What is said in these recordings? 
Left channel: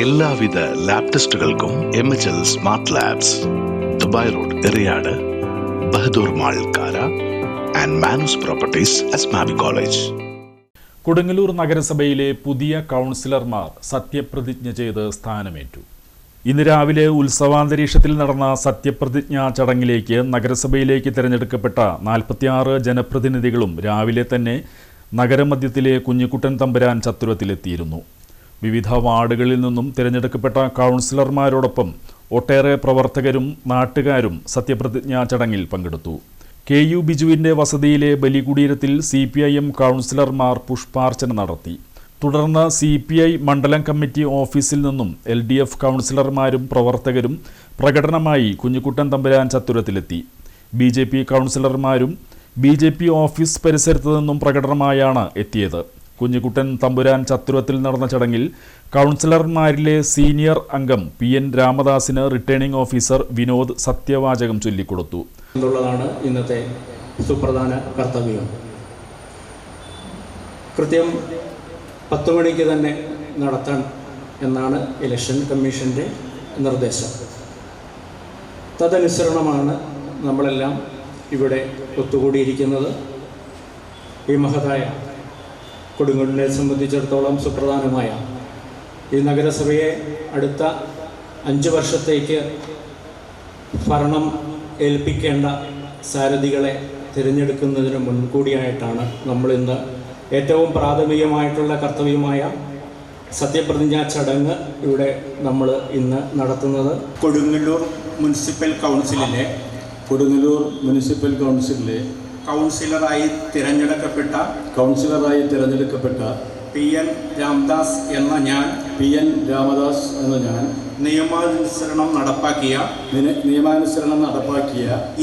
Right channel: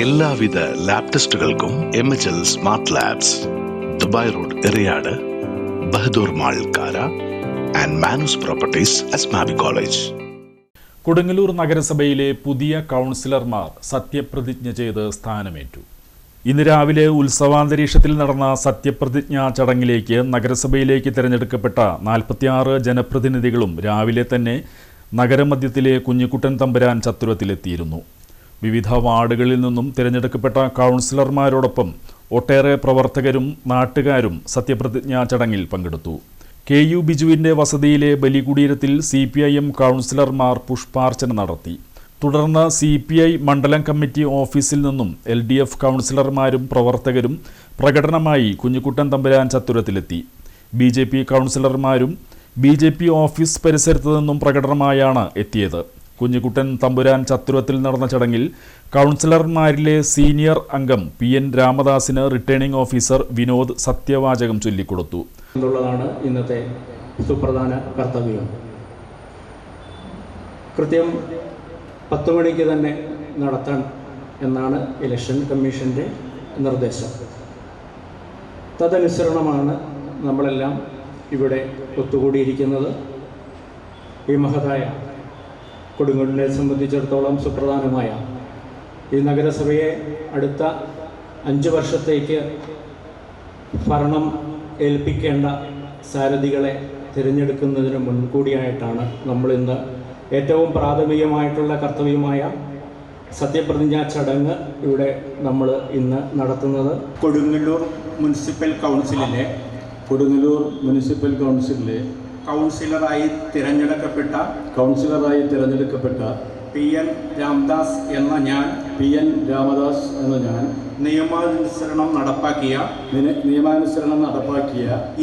എല്ലാവിധ ലാബ് ടെസ്റ്റുകൾക്കും MHL smart labs, Dubai road, Eriyad, Bahadur mall, Kara and Manus properties, Asmabi college. Kodungallur നഗരസഭയിലെ പുതിയ കൗൺസിലർമാർ സത്യപ്രതിജ്ഞ ചെയ്ത് സ്ഥാനമേറ്റു. ഇന്ന് രാവിലെ ഉത്സവാന്തരീക്ഷത്തിൽ നടന്ന സത്യപ്രതിജ്ഞാ ചടങ്ങിലേക്ക് നഗരസഭയിലേക്ക് തിരഞ്ഞെടുക്കപ്പെട്ട 46 ജനപ്രതിനിധികളും രാവിലെ തന്നെ നഗരമധ്യത്തിലെ കുഞ്ഞിക്കുട്ടൻ തമ്പുരാൻ ചത്തുരത്തിലെത്തിയിരുന്നു. വിവിധ വാർഡുകളിൽ നിന്നും തിരഞ്ഞെടുക്കപ്പെട്ട കൗൺസിലർമാരോടൊപ്പം ഒട്ടേറെ പ്രവർത്തകരും നാട്ടുകാരും സത്യപ്രതിജ്ഞാ ചടങ്ങിൽ പങ്കെടുത്തു. KU ബിജുവിൻ്റെ വസതിയിലെ ബലികുടീരത്തിൽ CPIM കൗൺസിലർമാർ പുഷ്പാർച്ചന നടത്തി. തുടർന്ന് CPI മണ്ഡലം കമ്മിറ്റി ഓഫീസിൽ നിന്നും LDF കൗൺസിലർമാരും പ്രവർത്തകരും പ്രകടനമായി കുഞ്ഞിക്കുട്ടൻ തമ്പുരാൻ ചത്തുരത്തിലെത്തി. BJP കൗൺസിലർമാരും BJP ഓഫീസ് പരിസരത്തു നിന്നും പ്രകടനമായാണ് എത്തിയത്. കുഞ്ഞിക്കുട്ടൻ തമ്പുരാൻ ചത്തുരത്തിൽ നടന്ന ചടങ്ങിൽ കൗൺസിലർമാരിലെ സീനിയർ അംഗം PN രാമദാസിന് റിട്ടേണിംഗ് ഓഫീസർ വിനോദ് സത്യവാചകം ചൊല്ലിക്കൊടുത്തു. എന്നുള്ളതാണ് ഇന്നത്തെ സുപ്രധാന കർത്തവ്യം. കൃത്യം 10 മണിക്ക് തന്നെ നടത്താൻ എന്നാണ് ഇലക്ഷൻ കമ്മീഷൻ്റെ നിർദ്ദേശം. തദനുസരണമാണ് നമ്മളെല്ലാം ഇവിടെ ഒത്തുകൂടിയിരിക്കുന്നത്. ഈ മഹതായ കൊടുങ്ങല്ലൂരിനെ സംബന്ധിച്ചിടത്തോളം സുപ്രധാനമായ ഈ നഗരസഭയെ അടുത്ത 5 വർഷത്തേക്ക് ഭരണം ഏൽപ്പിക്കേണ്ട സാരഥികളെ തിരഞ്ഞെടുക്കുന്നതിന് മുൻകൂടിയായിട്ടാണ് നമ്മളിന്ന് ഏറ്റവും പ്രാഥമികമായിട്ടുള്ള കർത്തവ്യമായ സത്യപ്രതിജ്ഞാ ചടങ്ങ് ഇവിടെ നമ്മൾ ഇന്ന് നടത്തുന്നത്. കൊടുങ്ങല്ലൂർ മുനിസിപ്പൽ കൗൺസിലിലെ കൗൺസിലറായി തിരഞ്ഞെടുക്കപ്പെട്ട PN രാമദാസ് എന്ന ഞാൻ നിയമാനുസരണം നടപ്പാക്കിയ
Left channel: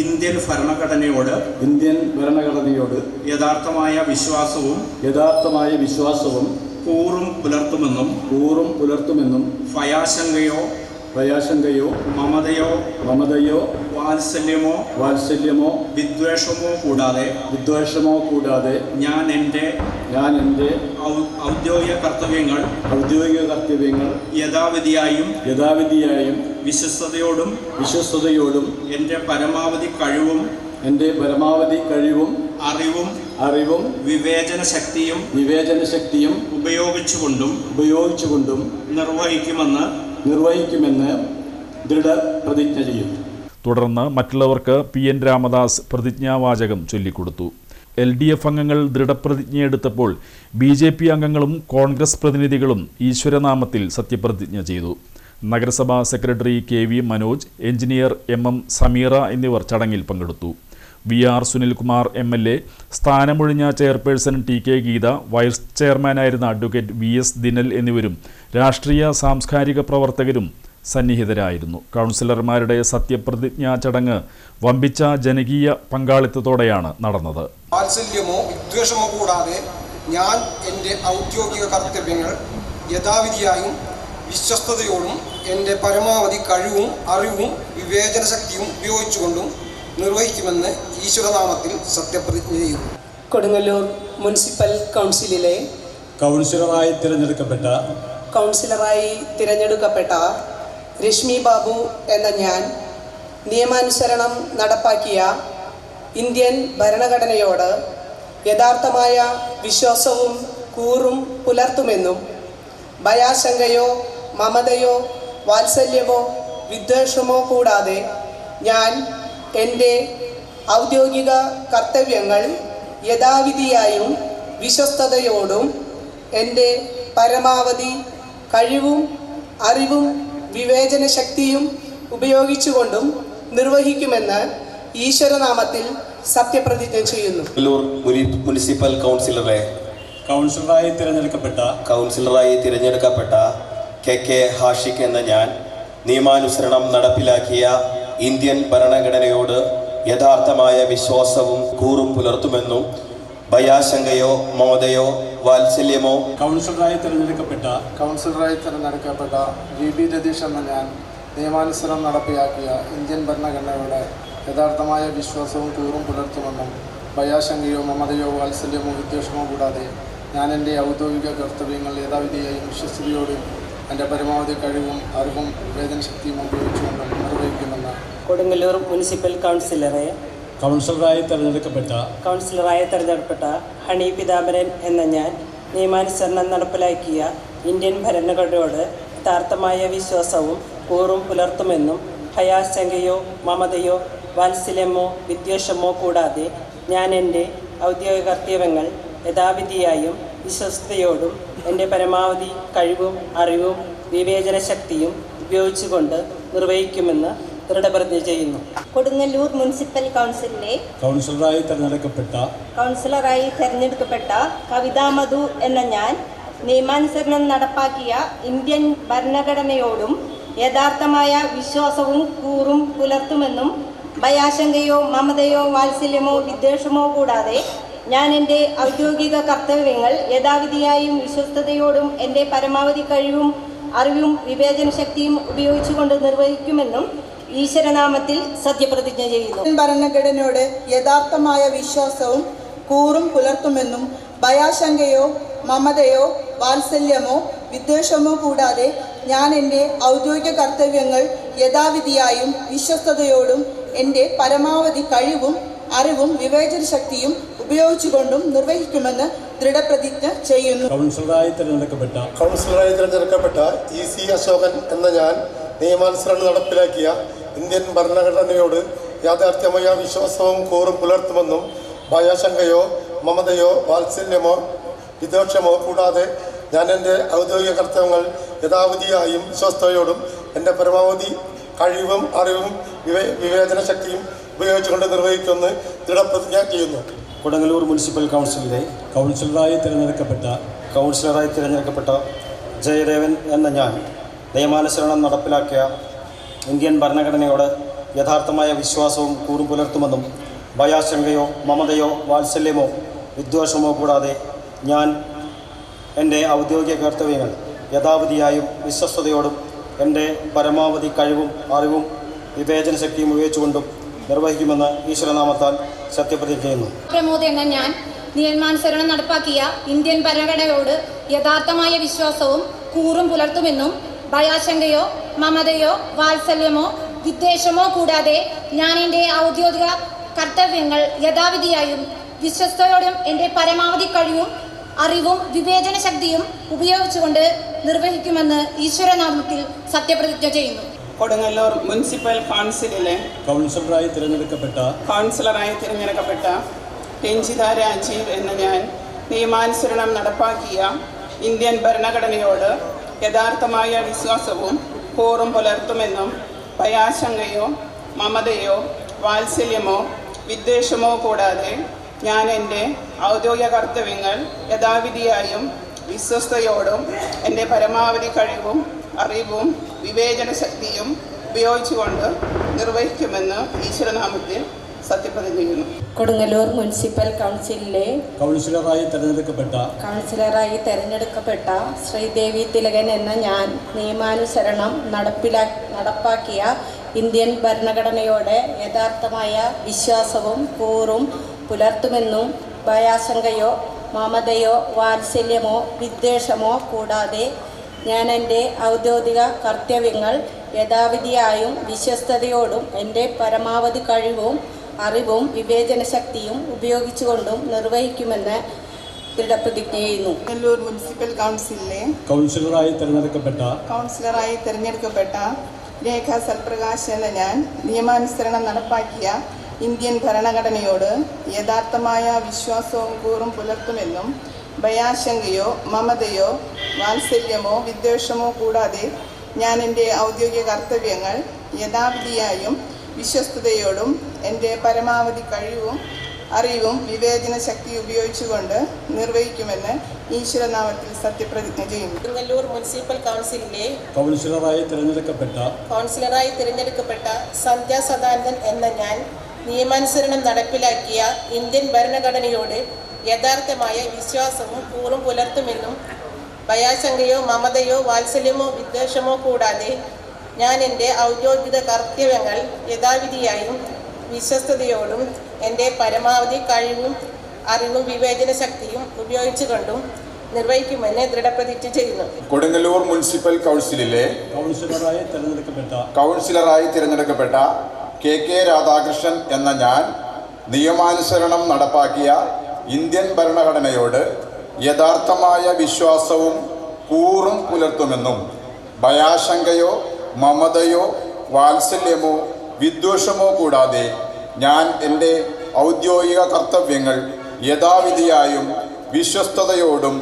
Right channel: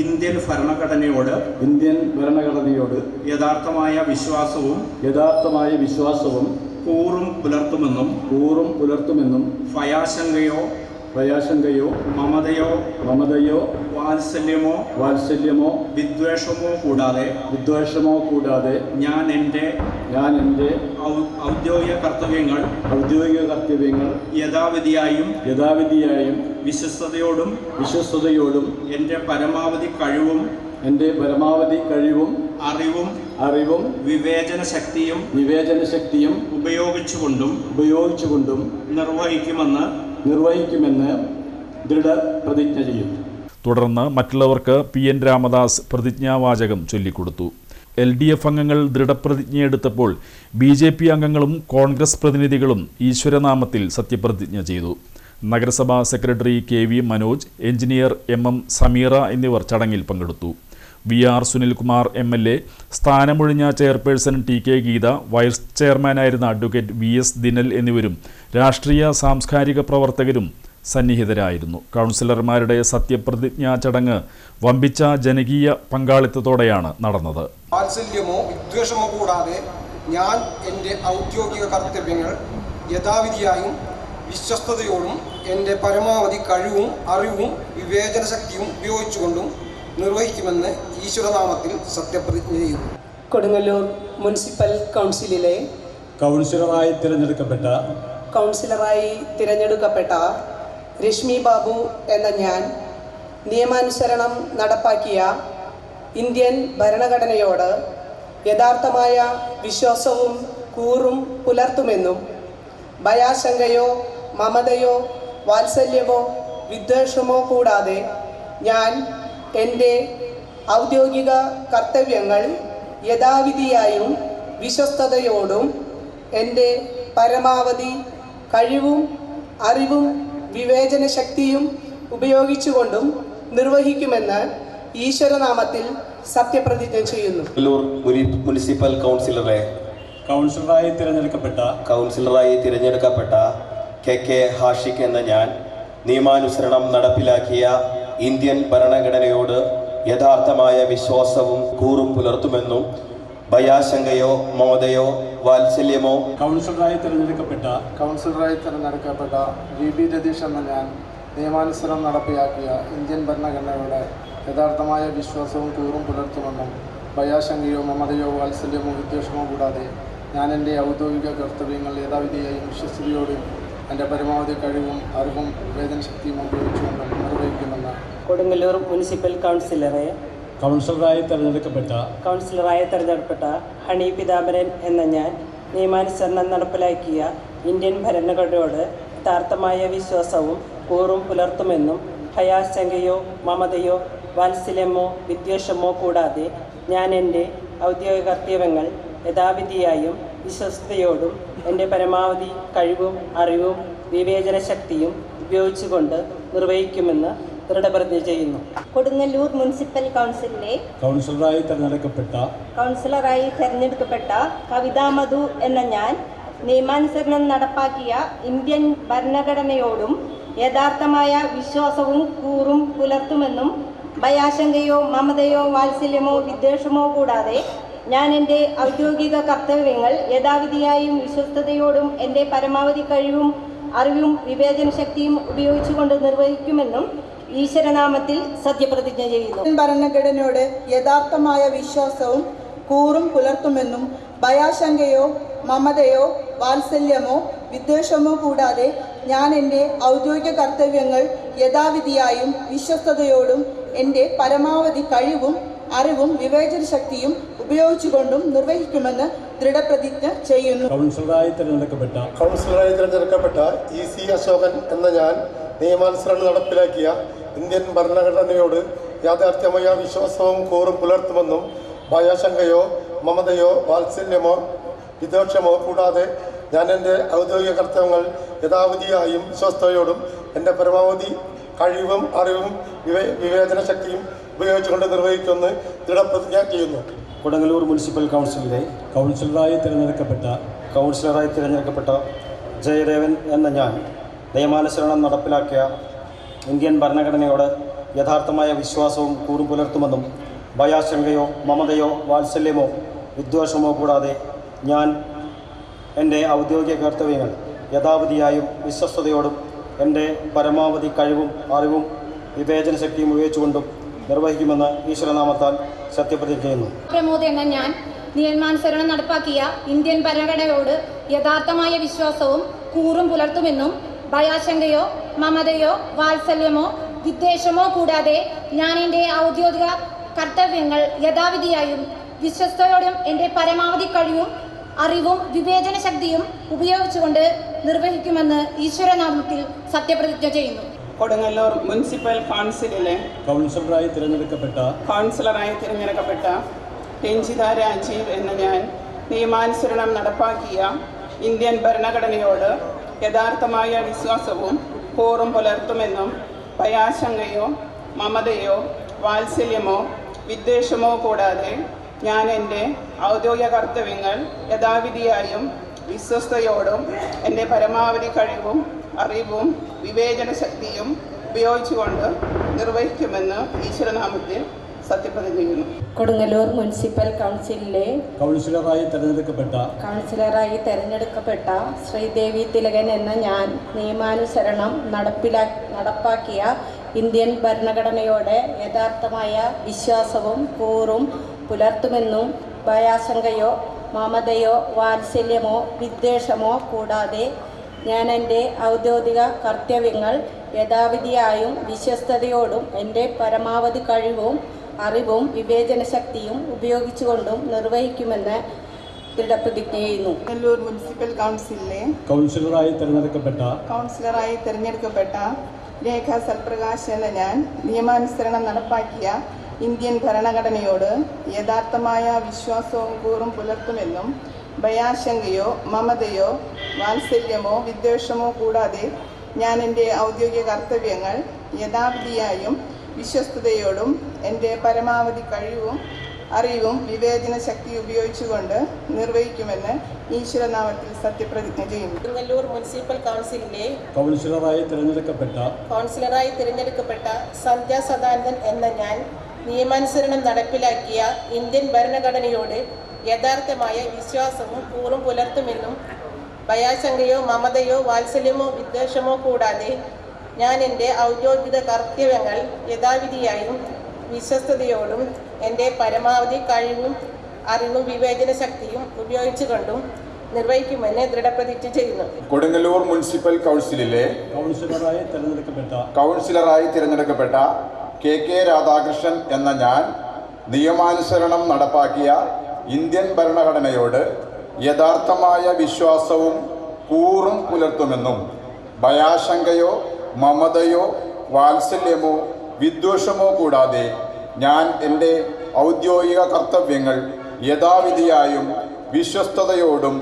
ഇന്ത്യൻ ഭരണഘടനയോട് യഥാർത്ഥമായ വിശ്വാസവും കൂറും പുലർത്തുമെന്നും ഭയാശങ്കയോ മമതയോ വാത്സല്യമോ വിദ്വേഷമോ കൂടാതെ ഞാൻ എൻ്റെ ഔദ്യോഗിക കർത്തവ്യങ്ങൾ യഥാവിധിയായും വിശ്വസ്തയോടും എൻ്റെ പരമാവധി കഴിവും അറിവും വിവേചന ശക്തിയും ഉപയോഗിച്ചുകൊണ്ടും നിർവഹിക്കുമെന്ന് ദൃഢപ്രതിജ്ഞ ചെയ്യുന്നു. തുടർന്ന് മറ്റുള്ളവർക്ക് PN രാമദാസ് പ്രതിജ്ഞാവാചകം ചൊല്ലിക്കൊടുത്തു. LDF അംഗങ്ങൾ ദൃഢപ്രതിജ്ഞയെടുത്തപ്പോൾ BJP അംഗങ്ങളും കോൺഗ്രസ് പ്രതിനിധികളും ഈശ്വരനാമത്തിൽ സത്യപ്രതിജ്ഞ ചെയ്തു. നഗരസഭാ secretary KV Manoj, engineer MM Sameera എന്നിവർ ചടങ്ങിൽ പങ്കെടുത്തു. VR സുനിൽകുമാർ MLA, സ്ഥാനമൊഴിഞ്ഞ ചെയർപേഴ്സൺ TK ഗീത, വൈസ് ചെയർമാനായിരുന്ന അഡ്വക്കേറ്റ് VS ദിനൽ എന്നിവരും രാഷ്ട്രീയ സാംസ്കാരിക പ്രവർത്തകരും സന്നിഹിതരായിരുന്നു. കൗൺസിലർമാരുടെ സത്യപ്രതിജ്ഞാ ചടങ്ങ് വമ്പിച്ച ജനകീയ പങ്കാളിത്തത്തോടെയാണ് നടന്നത്. വാത്സല്യമോ വിദ്വേഷമോ കൂടാതെ ഞാൻ എൻ്റെ ഔദ്യോഗിക കർത്തവ്യങ്ങൾ യഥാവിധിയായും വിശ്വസ്തയോടും എൻ്റെ പരമാവധി കഴിവും അറിവും വിവേചന ശക്തിയും ഉപയോഗിച്ചുകൊണ്ടും നിർവഹിക്കുമെന്ന് ഈശ്വരനാമത്തിൽ സത്യപ്രതിജ്ഞ ചെയ്യുന്നു. കൊടുങ്ങല്ലൂർ മുനിസിപ്പൽ കൗൺസിലിലെ കൗൺസിലറായി തിരഞ്ഞെടുക്കപ്പെട്ട രശ്മി ബാബു എന്ന ഞാൻ നിയമാനുസരണം നടപ്പാക്കിയ ഇന്ത്യൻ ഭരണഘടനയോട് യഥാർത്ഥമായ വിശ്വാസവും കൂറും പുലർത്തുമെന്നും ഭയാശങ്കയോ മമതയോ വാത്സല്യമോ വിദ്വേഷമോ കൂടാതെ ഞാൻ എൻ്റെ ഔദ്യോഗിക കർത്തവ്യങ്ങൾ യഥാവിധിയായും വിശ്വസ്തയോടും എൻ്റെ പരമാവധി കഴിവും അറിവും വിവേചന ശക്തിയും ഉപയോഗിച്ചുകൊണ്ടും നിർവഹിക്കുമെന്ന് ഈശ്വരനാമത്തിൽ സത്യപ്രതിജ്ഞ ചെയ്യുന്നു. മുനിസിപ്പൽ കൗൺസിലറായി തിരഞ്ഞെടുക്കപ്പെട്ട KK ഹാഷിഖ് എന്ന ഞാൻ നിയമാനുസരണം നടപ്പിലാക്കിയ ഇന്ത്യൻ ഭരണഘടനയോട് യഥാർത്ഥമായ വിശ്വാസവും കൂറും പുലർത്തുമെന്നും ഭയാശങ്കയോ മമതയോ വാത്സല്യമോ കൗൺസിലറായി തിരഞ്ഞെടുക്കപ്പെട്ട GB രതീഷ് എന്ന ഞാൻ നിയമാനുസരണം നടപ്പിലാക്കിയ ഇന്ത്യൻ ഭരണഘടനയോട് യഥാർത്ഥമായ വിശ്വാസവും കൂറും പുലർത്തുമെന്നും ഭയാശങ്കയോ മമതയോ വാത്സല്യമോ വിദ്വേഷമോ കൂടാതെ ഞാൻ എൻ്റെ ഔദ്യോഗിക കർത്തവ്യങ്ങൾ യഥാവിധിയായും വിശ്വസ്തയോടും എൻ്റെ പരമാവധി കഴിവും അറിവും വിവേചന ശക്തിയും ഉപയോഗിച്ചുകൊണ്ട് നിർവഹിക്കുമെന്ന് കൊടുങ്ങല്ലൂർ മുനിസിപ്പൽ കൗൺസിലറായി തിരഞ്ഞെടുക്കപ്പെട്ട ഹണി പിതാംബരൻ എന്ന ഞാൻ നിയമാനുസരണം നടപ്പിലാക്കിയ ഇന്ത്യൻ ഭരണഘടനയോട് യഥാർത്ഥമായ വിശ്വാസവും കൂറും പുലർത്തുമെന്നും ഭയാശങ്കയോ മമതയോ വാത്സല്യമോ വിദ്വേഷമോ കൂടാതെ ഞാൻ എൻ്റെ ഔദ്യോഗിക കർത്തവ്യങ്ങൾ യഥാവിധിയായും വിശ്വസ്തയോടും എൻ്റെ പരമാവധി കഴിവും അറിവും വിവേചന ശക്തിയും ഉപയോഗിച്ചുകൊണ്ട് നിർവഹിക്കുമെന്ന് ദൃഢപ്രതിജ്ഞ ചെയ്യുന്നു. കൊടുങ്ങല്ലൂർ മുനിസിപ്പൽ കൗൺസിലിലെ കൗൺസിലറായി തിരഞ്ഞെടുക്കപ്പെട്ട കവിതാ മധു എന്ന ഞാൻ നിയമാനുസരണം നടപ്പാക്കിയ ഇന്ത്യൻ ഭരണഘടനയോടും യഥാർത്ഥമായ വിശ്വാസവും കൂറും പുലർത്തുമെന്നും ഭയാശങ്കയോ മമതയോ വാത്സല്യമോ വിദ്വേഷമോ കൂടാതെ ഞാൻ എൻ്റെ ഔദ്യോഗിക കർത്തവ്യങ്ങൾ യഥാവിധിയായും വിശ്വസ്തയോടും എൻ്റെ പരമാവധി കഴിവും അറിവും വിവേചന ശക്തിയും ഉപയോഗിച്ചുകൊണ്ട് നിർവഹിക്കുമെന്നും ഈശ്വരനാമത്തിൽ സത്യപ്രതിജ്ഞ ചെയ്യുന്നു. ഭരണഘടനയോട് യഥാർത്ഥമായ വിശ്വാസവും കൂറും പുലർത്തുമെന്നും ഭയാശങ്കയോ മമതയോ വാത്സല്യമോ വിദ്വേഷമോ കൂടാതെ ഞാൻ എൻ്റെ ഔദ്യോഗിക കർത്തവ്യങ്ങൾ യഥാവിധിയായും വിശ്വസ്തയോടും എൻ്റെ പരമാവധി കഴിവും അറിവും വിവേചന ശക്തിയും ഉപയോഗിച്ചുകൊണ്ടും നിർവഹിക്കുമെന്ന് ദൃഢപ്രതിജ്ഞ ചെയ്യുന്നു. കൗൺസിലറായി തിരഞ്ഞെടുക്കപ്പെട്ട EC അശോകൻ എന്ന ഞാൻ നിയമാനുസരണം നടപ്പിലാക്കിയ ഇന്ത്യൻ ഭരണഘടനയോട് യാഥാർത്ഥ്യമായ വിശ്വാസവും കൂറും പുലർത്തുമെന്നും ഭയാശങ്കയോ മമതയോ വാത്സല്യമോ വിദ്വേഷമോ കൂടാതെ ഞാൻ എൻ്റെ ഔദ്യോഗിക കർത്തവ്യങ്ങൾ യഥാവിധിയായും വിശ്വസ്തയോടും എൻ്റെ പരമാവധി കഴിവും അറിവും വിവേചന ശക്തിയും ഉപയോഗിച്ചുകൊണ്ട് നിർവഹിക്കുമെന്ന് ദൃഢപ്രതിജ്ഞ ചെയ്യുന്നു. കൊടുങ്ങല്ലൂർ മുനിസിപ്പൽ കൗൺസിലിലെ കൗൺസിലറായി തിരഞ്ഞെടുക്കപ്പെട്ട ജയദേവൻ എന്ന ഞാൻ നിയമാനുസരണം നടപ്പിലാക്കിയ ഇന്ത്യൻ ഭരണഘടനയോട് യഥാർത്ഥമായ വിശ്വാസവും കൂറും പുലർത്തുമെന്നും ഭയാശങ്കയോ മമതയോ വാത്സല്യമോ വിദ്വേഷമോ കൂടാതെ ഞാൻ എൻ്റെ ഔദ്യോഗിക കർത്തവ്യങ്ങൾ യഥാവിധിയായും വിശ്വസ്തയോടും എൻ്റെ പരമാവധി കഴിവും അറിവും വിവേചന ശക്തിയും ഉപയോഗിച്ചുകൊണ്ടും നിർവഹിക്കുമെന്ന് ഈശ്വരനാമത്താൽ സത്യപ്രതിജ്ഞ ചെയ്യുന്നു. പ്രമോദ് എന്ന ഞാൻ നിയമാനുസരണം നടപ്പാക്കിയ ഇന്ത്യൻ ഭരണഘടനയോട് യഥാർത്ഥമായ വിശ്വാസവും കൂറും പുലർത്തുമെന്നും ഭയാശങ്കയോ മമതയോ വാത്സല്യമോ വിദ്വേഷമോ കൂടാതെ ഞാൻ എൻ്റെ ഔദ്യോഗിക കർത്തവ്യങ്ങൾ യഥാവിധിയായും വിശ്വസ്തയോടും എൻ്റെ പരമാവധി കഴിവും അറിവും വിവേചന ശക്തിയും ഉപയോഗിച്ചുകൊണ്ട് നിർവഹിക്കുമെന്ന് ഈശ്വരനാമത്തിൽ സത്യപ്രതിജ്ഞ ചെയ്യുന്നു. കൊടുങ്ങല്ലൂർ മുനിസിപ്പൽ കൗൺസിലിലെ കൗൺസിലറായി തിരഞ്ഞെടുക്കപ്പെട്ട രഞ്ജിത രാജീവ് എന്ന ഞാൻ നിയമാനുസരണം നടപ്പാക്കിയ ഇന്ത്യൻ ഭരണഘടനയോട് യഥാർത്ഥമായ വിശ്വാസവും കൂറും പുലർത്തുമെന്നും ഭയാശങ്കയോ മമതയോ വാത്സല്യമോ വിദ്വേഷമോ കൂടാതെ ഞാൻ എൻ്റെ ഔദ്യോഗിക കർത്തവ്യങ്ങൾ യഥാവിധിയായും വിശ്വസ്തയോടും എൻ്റെ പരമാവധി കഴിവും അറിവും വിവേചന ശക്തിയും ഉപയോഗിച്ചുകൊണ്ട് നിർവഹിക്കുമെന്ന് ഈശ്വരനാമത്തിൽ സത്യപ്രതിജ്ഞ ചെയ്യുന്നു. കൊടുങ്ങല്ലൂർ മുനിസിപ്പൽ കൗൺസിലിലെ കൗൺസിലറായി തിരഞ്ഞെടുക്കപ്പെട്ട ശ്രീദേവി തിലകൻ എന്ന ഞാൻ നിയമാനുസരണം നടപ്പാക്കിയ ഇന്ത്യൻ ഭരണഘടനയോട് യഥാർത്ഥമായ വിശ്വാസവും കൂറും പുലർത്തുമെന്നും ഭയാശങ്കയോ മമതയോ വാത്സല്യമോ വിദ്വേഷമോ കൂടാതെ ഞാൻ എൻ്റെ ഔദ്യോഗിക കർത്തവ്യങ്ങൾ യഥാവിധിയായും വിശ്വസ്തയോടും എൻ്റെ പരമാവധി കഴിവും അറിവും വിവേചന ശക്തിയും ഉപയോഗിച്ചുകൊണ്ടും നിർവഹിക്കുമെന്ന് ദൃഢപ്രതിജ്ഞ ചെയ്യുന്നു. കൊടുങ്ങല്ലൂർ മുനിസിപ്പൽ കൗൺസിലിലെ കൗൺസിലറായി തിരഞ്ഞെടുക്കപ്പെട്ട രേഖ സൽപ്രകാശ് എന്ന ഞാൻ നിയമാനുസരണം നടപ്പാക്കിയ ഇന്ത്യൻ ഭരണഘടനയോട് യഥാർത്ഥമായ വിശ്വാസവും കൂറും പുലർത്തുമെന്നും ഭയാശങ്കയോ മമതയോ വാത്സല്യമോ വിദ്വേഷമോ കൂടാതെ ഞാൻ എൻ്റെ ഔദ്യോഗിക കർത്തവ്യങ്ങൾ യഥാവിധിയായും വിശ്വസ്തയോടും എൻ്റെ പരമാവധി കഴിവും അറിവും വിവേചന ശക്തി ഉപയോഗിച്ചുകൊണ്ട് നിർവഹിക്കുമെന്ന് ഈശ്വരനാമത്തിൽ സത്യപ്രതിജ്ഞ ചെയ്യുന്നു. കൊടുങ്ങല്ലൂർ മുനിസിപ്പൽ കൗൺസിലിലെ കൗൺസിലറായി തിരഞ്ഞെടുക്കപ്പെട്ട സന്ധ്യ സദാനന്ദൻ എന്ന ഞാൻ നിയമാനുസരണം നടപ്പിലാക്കിയ ഇന്ത്യൻ ഭരണഘടനയോട് യഥാർത്ഥമായ വിശ്വാസവും കൂറും പുലർത്തുമെന്നും ഭയാശങ്കയോ മമതയോ വാത്സല്യമോ വിദ്വേഷമോ കൂടാതെ ഞാൻ എൻ്റെ ഔദ്യോഗിക കർത്തവ്യങ്ങൾ യഥാവിധിയായും വിശ്വസ്തയോടും എൻ്റെ പരമാവധി കഴിവും അറിവും വിവേചന ശക്തിയും ഉപയോഗിച്ചുകൊണ്ടും നിർവഹിക്കുമെന്ന് ദൃഢപ്രതിജ്ഞ ചെയ്യുന്നു. കൊടുങ്ങല്ലൂർ മുനിസിപ്പൽ കൗൺസിലിലെ കൗൺസിലറായി തിരഞ്ഞെടുക്കപ്പെട്ട KK രാധാകൃഷ്ണൻ എന്ന ഞാൻ നിയമാനുസരണം നടപ്പാക്കിയ ഇന്ത്യൻ ഭരണഘടനയോട് യഥാർത്ഥമായ വിശ്വാസവും കൂറും പുലർത്തുമെന്നും ഭയാശങ്കയോ മമതയോ വാത്സല്യമോ വിദ്വേഷമോ കൂടാതെ ഞാൻ എൻ്റെ ഔദ്യോഗിക കർത്തവ്യങ്ങൾ യഥാവിധിയായും വിശ്വസ്തയോടും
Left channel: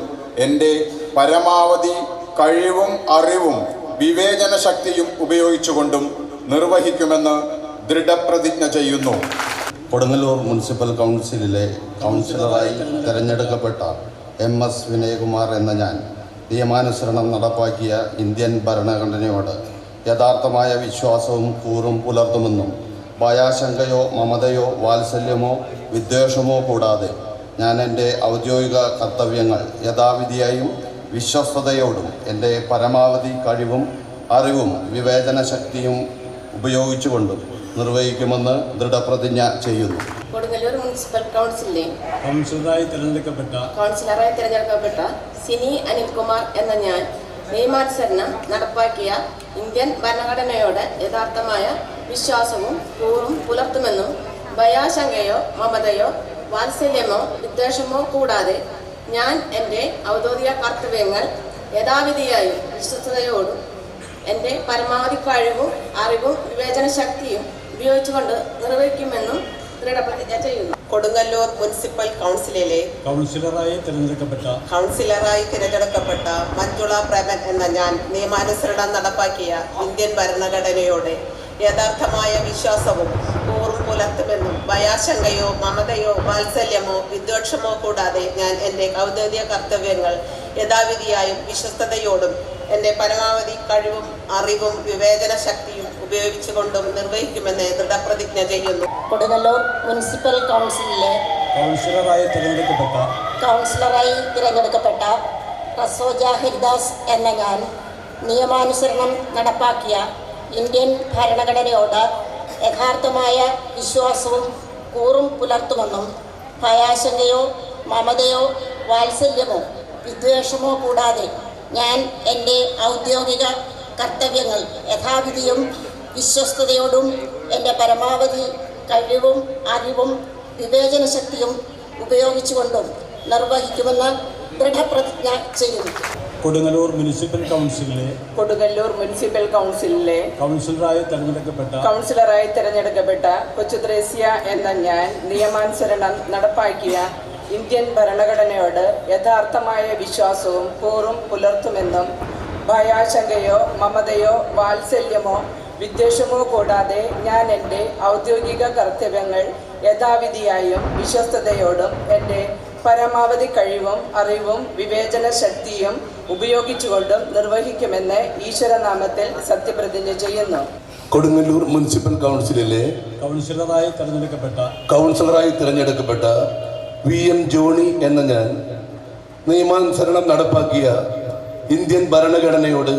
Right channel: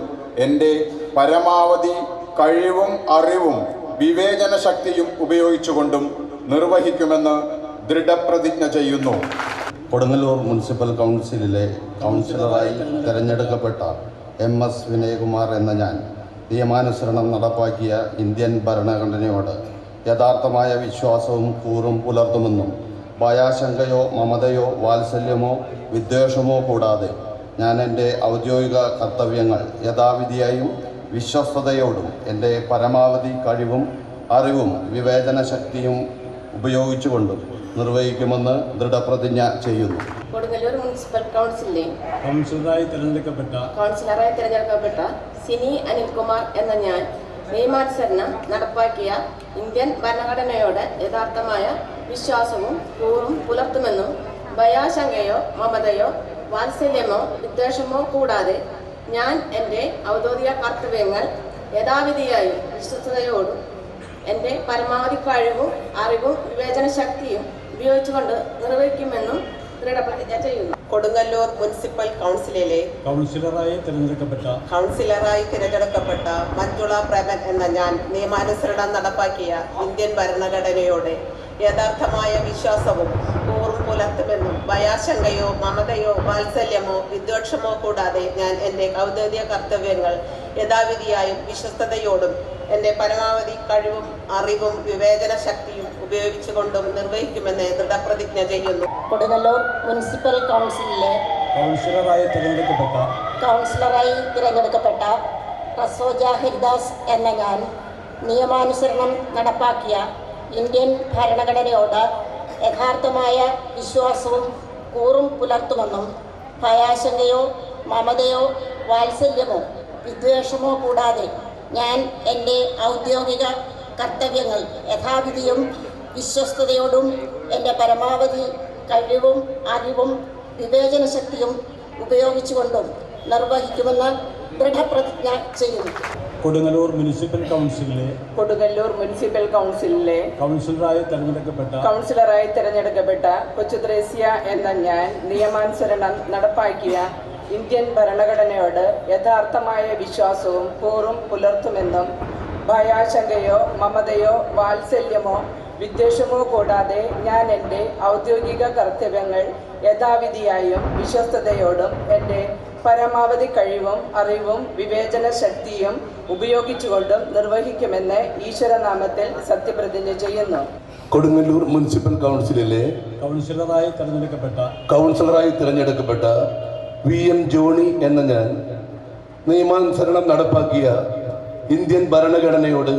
എൻ്റെ പരമാവധി കഴിവും അറിവും വിവേചന ശക്തിയും ഉപയോഗിച്ചുകൊണ്ടും നിർവഹിക്കുമെന്ന് ദൃഢപ്രതിജ്ഞ ചെയ്യുന്നു. കൊടുങ്ങല്ലൂർ മുനിസിപ്പൽ കൗൺസിലിലെ കൗൺസിലറായി തിരഞ്ഞെടുക്കപ്പെട്ട MS വിനയകുമാർ എന്ന ഞാൻ നിയമാനുസരണം നടപ്പാക്കിയ ഇന്ത്യൻ ഭരണഘടനയോട് യഥാർത്ഥമായ വിശ്വാസവും കൂറും പുലർത്തുമെന്നും ഭയാശങ്കയോ മമതയോ വാത്സല്യമോ വിദ്വേഷമോ കൂടാതെ ഞാൻ എൻ്റെ ഔദ്യോഗിക കർത്തവ്യങ്ങൾ യഥാവിധിയായും വിശ്വസ്തയോടും എൻ്റെ പരമാവധി കഴിവും അറിവും വിവേചന ശക്തിയും ഉപയോഗിച്ചുകൊണ്ടും നിർവഹിക്കുമെന്ന് ദൃഢപ്രതിജ്ഞ ചെയ്യുന്നു. കൊടുങ്ങല്ലൂർ മുനിസിപ്പൽ കൗൺസിലിലെ കൗൺസിലറായി തിരഞ്ഞെടുക്കപ്പെട്ട സിനി അനിൽകുമാർ എന്ന ഞാൻ നിയമാനുസരണം നടപ്പാക്കിയ ഇന്ത്യൻ ഭരണഘടനയോട് യഥാർത്ഥമായ വിശ്വാസവും കൂറും പുലർത്തുമെന്നും ഭയാശങ്കയോ മമതയോ വാത്സല്യമോ വിദ്വേഷമോ കൂടാതെ ഞാൻ എൻ്റെ ഔദ്യോഗിക കർത്തവ്യങ്ങൾ യഥാവിധിയായും വിശ്വസ്തയോടും എൻ്റെ പരമാവധി കഴിവും അറിവും വിവേചന ശക്തിയും ഉപയോഗിച്ചുകൊണ്ട് നിർവഹിക്കുമെന്നും ദൃഢപ്രതിജ്ഞ ചെയ്യുന്നു. കൊടുങ്ങല്ലൂർ മുനിസിപ്പൽ കൗൺസിലിലെ കൗൺസിലറായി തിരഞ്ഞെടുക്കപ്പെട്ട മഞ്ജുള പ്രേമൻ എന്ന ഞാൻ നിയമാനുസരണം നടപ്പാക്കിയ ഇന്ത്യൻ ഭരണഘടനയോട് യഥാർത്ഥമായ വിശ്വാസവും കൂറും പുലർത്തുമെന്നും ഭയാശങ്കയോ മമതയോ വാത്സല്യമോ വിദ്വേഷമോ കൂടാതെ ഞാൻ എൻ്റെ ഔദ്യോഗിക കർത്തവ്യങ്ങൾ യഥാവിധിയായും വിശ്വസ്തയോടും എൻ്റെ പരമാവധി കഴിവും അറിവും വിവേചന ശക്തിയും ഉപയോഗിച്ചുകൊണ്ടും നിർവഹിക്കുമെന്ന് ദൃഢപ്രതിജ്ഞ ചെയ്യുന്നു. കൊടുങ്ങല്ലൂർ മുനിസിപ്പൽ കൗൺസിലിലെ കൗൺസിലറായി തിരഞ്ഞെടുക്കപ്പെട്ട റസോജ ഹരിദാസ് എന്ന ഞാൻ നിയമാനുസരണം നടപ്പാക്കിയ ഇന്ത്യൻ ഭരണഘടനയോട് യഥാർത്ഥമായ വിശ്വാസവും കൂറും പുലർത്തുമെന്നും ഭയാശങ്കയോ മമതയോ വാത്സല്യമോ വിദ്വേഷമോ കൂടാതെ ഞാൻ എൻ്റെ ഔദ്യോഗിക കർത്തവ്യങ്ങൾ യഥാവിധിയും വിശ്വസ്തയോടും എൻ്റെ പരമാവധി കഴിവും അറിവും വിവേചന ശക്തിയും ഉപയോഗിച്ചുകൊണ്ടും നിർവഹിക്കുമെന്ന് ദൃഢപ്രതിജ്ഞ ചെയ്യുന്നു. കൊടുങ്ങല്ലൂർ മുനിസിപ്പൽ കൗൺസിലിലെ കൗൺസിലറായി തിരഞ്ഞെടുക്കപ്പെട്ട കൊച്ചുത്രേസ്യ എന്ന ഞാൻ നിയമാനുസരണം നടപ്പാക്കിയ ഇന്ത്യൻ ഭരണഘടനയോട് യഥാർത്ഥമായ വിശ്വാസവും കൂറും പുലർത്തുമെന്നും ഭയാശങ്കയോ മമതയോ വാത്സല്യമോ വിദ്വേഷമോ കൂടാതെ ഞാൻ എൻ്റെ ഔദ്യോഗിക കർത്തവ്യങ്ങൾ യഥാവിധിയായും വിശ്വസ്തയോടും എൻ്റെ പരമാവധി കഴിവും അറിവും വിവേചന ശക്തിയും ഉപയോഗിച്ചുകൊണ്ടും നിർവഹിക്കുമെന്ന് ഈശ്വരനാമത്തിൽ സത്യപ്രതിജ്ഞ ചെയ്യുന്നു. കൊടുങ്ങല്ലൂർ മുനിസിപ്പൽ കൗൺസിലിലെ കൗൺസിലറായി തിരഞ്ഞെടുക്കപ്പെട്ട VM ജോണി എന്ന ഞാൻ നിയമാനുസരണം നടപ്പാക്കിയ ഇന്ത്യൻ ഭരണഘടനയോട്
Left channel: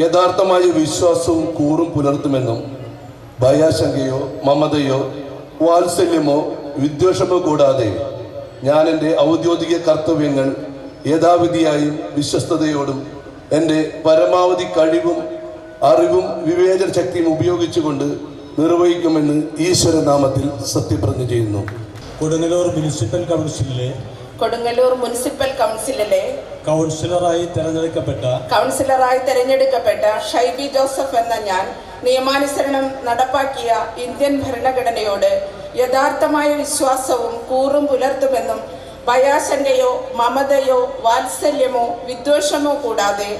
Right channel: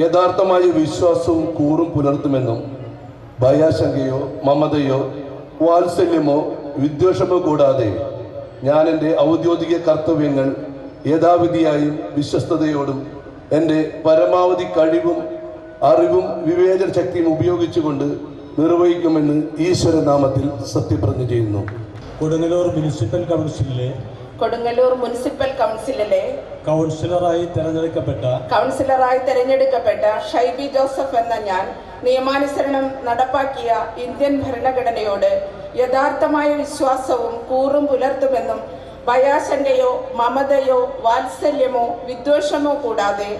യഥാർത്ഥമായ വിശ്വാസവും കൂറും പുലർത്തുമെന്നും ഭയാശങ്കയോ മമതയോ വാത്സല്യമോ വിദ്വേഷമോ കൂടാതെ ഞാൻ എൻ്റെ ഔദ്യോഗിക കർത്തവ്യങ്ങൾ യഥാവിധിയായും വിശ്വസ്തയോടും എൻ്റെ പരമാവധി കഴിവും അറിവും വിവേചന ശക്തിയും ഉപയോഗിച്ചുകൊണ്ട് നിർവഹിക്കുമെന്ന് ഈശ്വരനാമത്തിൽ സത്യപ്രതിജ്ഞ ചെയ്യുന്നു. കൊടുങ്ങല്ലൂർ മുനിസിപ്പൽ കൗൺസിലിലെ കൗൺസിലറായി തിരഞ്ഞെടുക്കപ്പെട്ട ഷൈബി ജോസഫ് എന്ന ഞാൻ നിയമാനുസരണം നടപ്പാക്കിയ ഇന്ത്യൻ ഭരണഘടനയോട് യഥാർത്ഥമായ വിശ്വാസവും കൂറും പുലർത്തുമെന്നും ഭയാശങ്കയോ മമതയോ വാത്സല്യമോ വിദ്വേഷമോ കൂടാതെ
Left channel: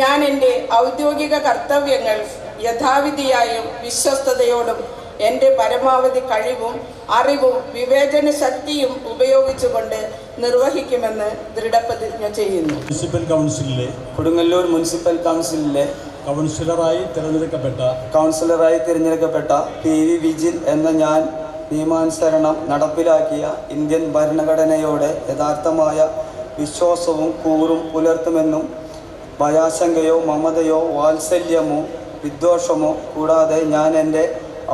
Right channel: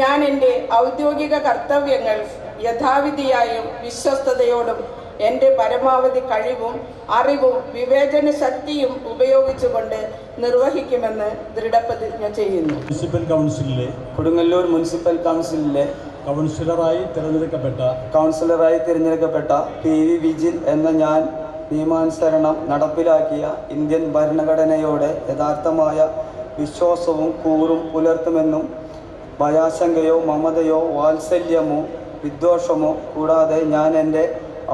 ഞാൻ എൻ്റെ ഔദ്യോഗിക കർത്തവ്യങ്ങൾ യഥാവിധിയായും വിശ്വസ്തയോടും എൻ്റെ പരമാവധി കഴിവും അറിവും വിവേചന ശക്തിയും ഉപയോഗിച്ചുകൊണ്ട് നിർവഹിക്കുമെന്ന് ദൃഢപ്രതിജ്ഞ ചെയ്യുന്നു. കൊടുങ്ങല്ലൂർ മുനിസിപ്പൽ കൗൺസിലിലെ കൗൺസിലറായി തിരഞ്ഞെടുക്കപ്പെട്ട PV വിജിൽ എന്ന ഞാൻ നിയമാനുസരണം നടപ്പിലാക്കിയ ഇന്ത്യൻ ഭരണഘടനയോട് യഥാർത്ഥമായ വിശ്വാസവും കൂറും പുലർത്തുമെന്നും ഭയാശങ്കയോ മമതയോ വാത്സല്യമോ വിദ്വേഷമോ കൂടാതെ ഞാൻ എൻ്റെ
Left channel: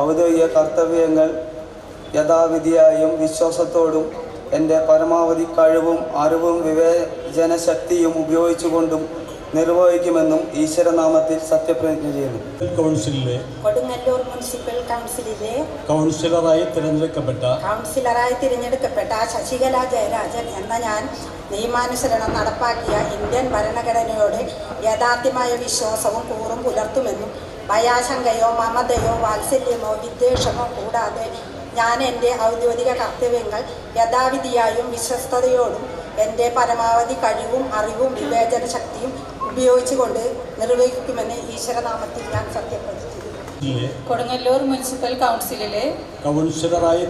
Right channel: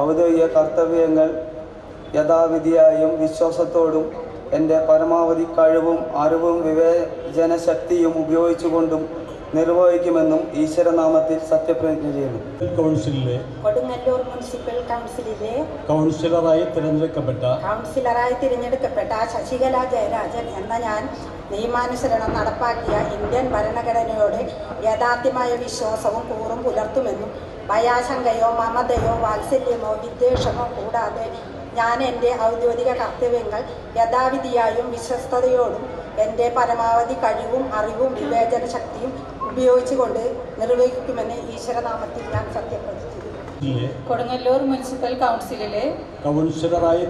ഔദ്യോഗിക കർത്തവ്യങ്ങൾ യഥാവിധിയായും വിശ്വാസത്തോടും എൻ്റെ പരമാവധി കഴിവും അറിവും വിവേചന ശക്തിയും ഉപയോഗിച്ചുകൊണ്ടും നിർവഹിക്കുമെന്നും ഈശ്വരനാമത്തിൽ സത്യപ്രതിജ്ഞ ചെയ്യുന്നു. കൊടുങ്ങല്ലൂർ മുനിസിപ്പൽ കൗൺസിലിലെ കൗൺസിലറായി തിരഞ്ഞെടുക്കപ്പെട്ട ശശികല ജയരാജൻ എന്ന ഞാൻ നിയമാനുസരണം നടപ്പാക്കിയ ഇന്ത്യൻ ഭരണഘടനയോട് യഥാർത്ഥമായ വിശ്വാസവും കൂറും പുലർത്തുമെന്നും ഭയാശങ്കയോ മമതയോ വാത്സല്യമോ വിദ്വേഷമോ കൂടാതെ ഞാൻ എൻ്റെ ഔദ്യോഗിക കർത്തവ്യങ്ങൾ യഥാവിധിയായും വിശ്വസ്തയോടും എൻ്റെ പരമാവധി കഴിവും അറിവും വിവേചന ശക്തിയും ഉപയോഗിച്ചുകൊണ്ട് നിർവഹിക്കുമെന്ന് ഈശ്വരനാമത്തിൽ ഞാൻ സത്യപ്രതിജ്ഞ ചെയ്യുന്നു. കൊടുങ്ങല്ലൂർ മുനിസിപ്പൽ കൗൺസിലിലെ കൗൺസിലറായി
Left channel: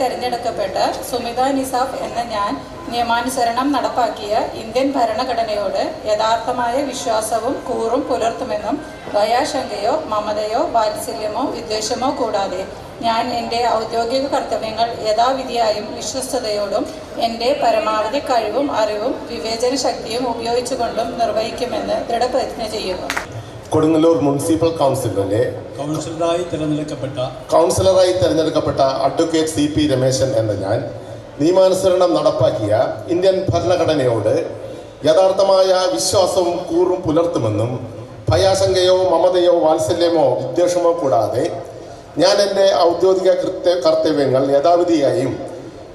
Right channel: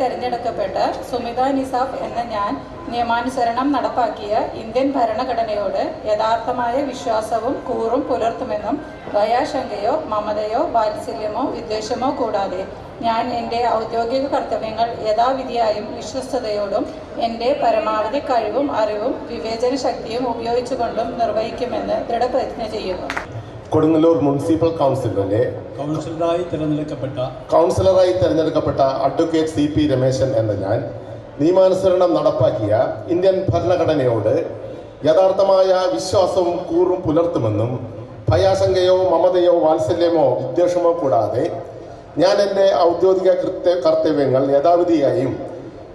തെരഞ്ഞെടുക്കപ്പെട്ട സുമിത നിസാഫ് എന്ന ഞാൻ നിയമാനുസരണം നടപ്പാക്കിയ ഇന്ത്യൻ ഭരണഘടനയോട് യഥാർത്ഥമായ വിശ്വാസവും കൂറും പുലർത്തുമെന്നും ഭയാശങ്കയോ മമതയോ വാത്സല്യമോ വിദ്വേഷമോ കൂടാതെ ഞാൻ എൻ്റെ ഔദ്യോഗിക കർത്തവ്യങ്ങൾ യഥാവിധിയായും വിശ്വസ്തയോടും എൻ്റെ പരമാവധി കഴിവും അറിവും വിവേചന ശക്തിയും ഉപയോഗിച്ചുകൊണ്ടും നിർവഹിക്കുമെന്ന് ദൃഢപ്രതിജ്ഞ ചെയ്യുന്നു. കൊടുങ്ങല്ലൂർ മുനിസിപ്പൽ കൗൺസിലിലെ കൗൺസിലറായി തിരഞ്ഞെടുക്കപ്പെട്ട അഡ്വക്കേറ്റ് CP രമേശൻ എന്ന ഞാൻ നിയമാനുസരണം നടപ്പാക്കിയ ഇന്ത്യൻ ഭരണഘടനയോട് യഥാർത്ഥമായ വിശ്വാസവും കൂറും പുലർത്തുമെന്നും ഭയാശങ്കയോ മമതയോ വാത്സല്യമോ വിദ്വേഷമോ കൂടാതെ ഞാൻ എൻ്റെ ഔദ്യോഗിക കർത്തവ്യങ്ങൾ യഥാവിധിയായും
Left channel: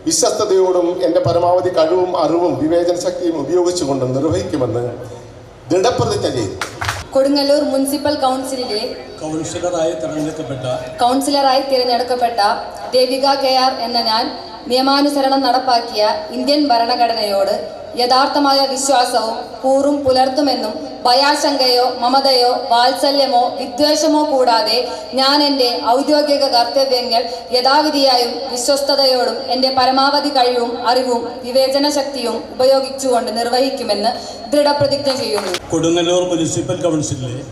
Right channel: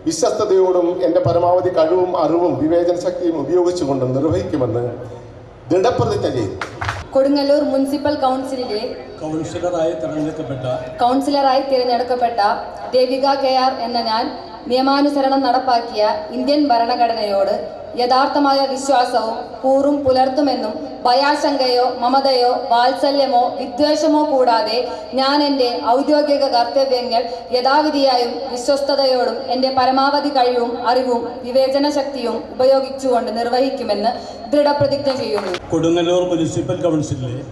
വിശ്വസ്തയോടും എൻ്റെ പരമാവധി കഴിവും അറിവും വിവേചന ശക്തിയും ഉപയോഗിച്ചുകൊണ്ട് നിർവഹിക്കുമെന്ന് ദൃഢപ്രതിജ്ഞ ചെയ്തു. കൊടുങ്ങല്ലൂർ മുനിസിപ്പൽ കൗൺസിലിലെ കൗൺസിലറായി തിരഞ്ഞെടുക്കപ്പെട്ട ദേവിക KR എന്ന ഞാൻ നിയമാനുസരണം നടപ്പാക്കിയ ഇന്ത്യൻ ഭരണഘടനയോട് യഥാർത്ഥമായ വിശ്വാസവും കൂറും പുലർത്തുമെന്നും ഭയാശങ്കയോ മമതയോ വാത്സല്യമോ വിദ്വേഷമോ കൂടാതെ ഞാൻ എൻ്റെ ഔദ്യോഗിക കർത്തവ്യങ്ങൾ യഥാവിധിയായും വിശ്വസ്തയോടും എൻ്റെ പരമാവധി കഴിവും അറിവും വിവേചന ശക്തിയും ഉപയോഗിച്ചുകൊണ്ട് നിർവഹിക്കുമെന്ന് ദൃഢപ്രതിജ്ഞ ചെയ്യുന്നു. കൊടുങ്ങല്ലൂർ മുനിസിപ്പൽ കൗൺസിലിലെ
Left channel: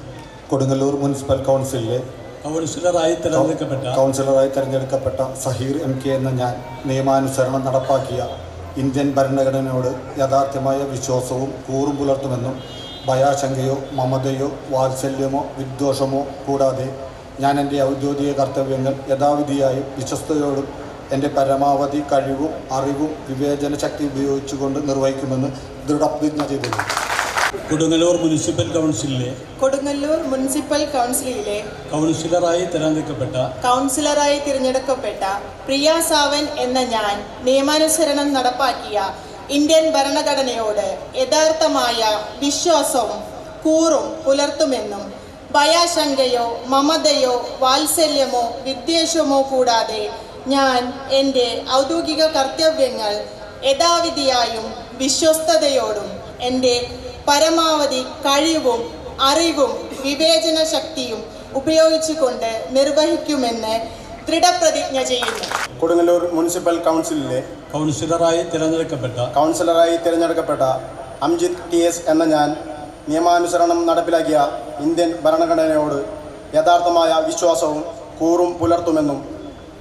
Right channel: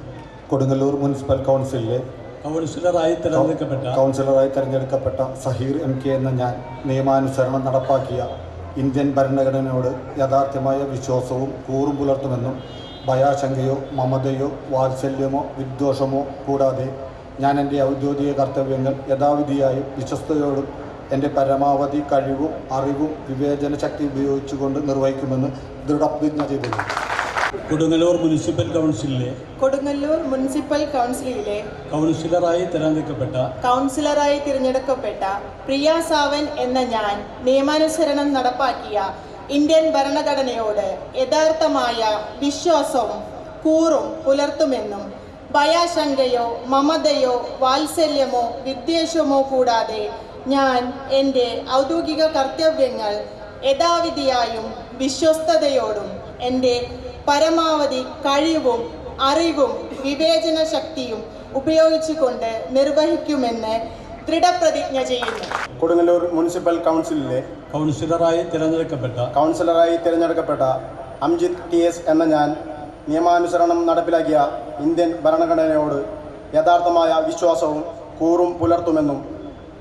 കൗൺസിലറായി തിരഞ്ഞെടുക്കപ്പെട്ട സഹീർ MK എന്ന ഞാൻ നിയമാനുസരണം നടപ്പാക്കിയ ഇന്ത്യൻ ഭരണഘടനയോട് യഥാർത്ഥമായ വിശ്വാസവും കൂറും പുലർത്തുമെന്നും ഭയാശങ്കയോ മമതയോ വാത്സല്യമോ വിദ്വേഷമോ കൂടാതെ ഞാൻ എൻ്റെ ഔദ്യോഗിക കർത്തവ്യങ്ങൾ യഥാവിധിയായും വിശ്വസ്തയോടും എൻ്റെ പരമാവധി കഴിവും അറിവും വിവേചന ശക്തി ഉപയോഗിച്ചുകൊണ്ട് നിർവഹിക്കുമെന്ന് ദൃഢപ്രതിജ്ഞ ചെയ്തു. കൊടുങ്ങല്ലൂർ മുനിസിപ്പൽ കൗൺസിലിലെ കൗൺസിലറായി തിരഞ്ഞെടുക്കപ്പെട്ട പ്രിയ സാവൻ എന്ന ഞാൻ നിയമാനുസരണം നടപ്പാക്കിയ ഇന്ത്യൻ ഭരണഘടനയോട് യഥാർത്ഥമായ വിശ്വാസവും കൂറും പുലർത്തുമെന്നും ഭയാശങ്കയോ മമതയോ വാത്സല്യമോ വിദ്വേഷമോ കൂടാതെ ഞാൻ എൻ്റെ ഔദ്യോഗിക കർത്തവ്യങ്ങൾ യഥാവിധിയായും വിശ്വസ്തയോടും എൻ്റെ പരമാവധി കഴിവും അറിവും വിവേചന ശക്തിയും ഉപയോഗിച്ചുകൊണ്ട് നിർവഹിക്കുമെന്ന് ദൃഢപ്രതിജ്ഞ ചെയ്യുന്നു. കൊടുങ്ങല്ലൂർ മുനിസിപ്പൽ കൗൺസിലിലെ കൗൺസിലറായി തിരഞ്ഞെടുക്കപ്പെട്ട അംജിത് TS എന്ന ഞാൻ നിയമാനുസരണം നടപ്പിലാക്കിയ ഇന്ത്യൻ ഭരണഘടനയോട് യഥാർത്ഥമായ വിശ്വാസവും കൂറും പുലർത്തുമെന്നും